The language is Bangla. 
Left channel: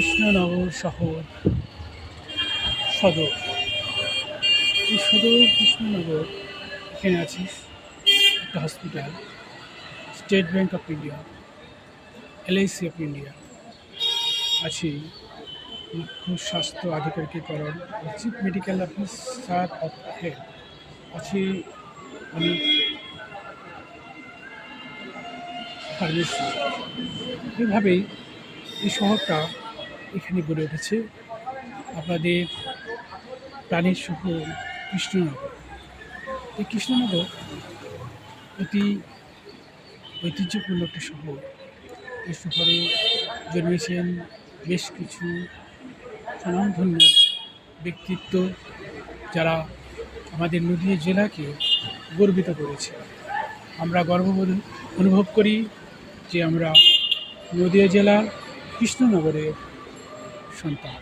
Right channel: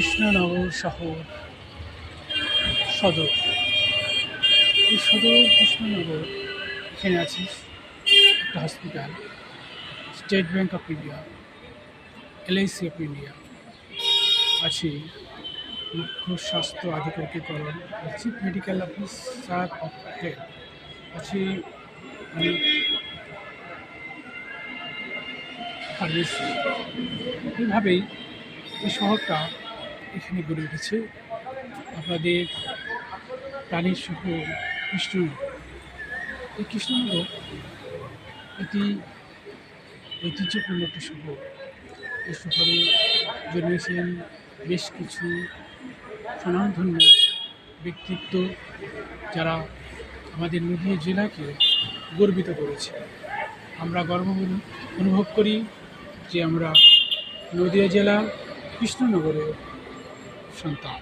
কৃষ্ণনগর শহর সদর। এই সদর কৃষ্ণনগর, এখানে আছে একটা hospital, state bank of India, LIC of India, আছে মুখ্য স্বাস্থ্য আধিকারিকীকরণ, chief medical officer of health, আছে অনেক ফার্মেসি। এইভাবেই এই শহরটা এখানে গড়ে উঠেছে। আপনাদের প্রাণীর শহর কৃষ্ণনগর। এই কৃষ্ণনগর এটি ঐতিহ্যপূর্ণ একটি শহর। এই শহরে জন্মেছেন বেশ কিছু স্বনামধন্য ব্যক্তিত্ব, যারা আমাদের নদীয়া জেলাকে গর্বিত করেছে। আমরা গর্ববোধ অনুভব করি যে আমরা নদীয়া জেলা কৃষ্ণনগরের সন্তান।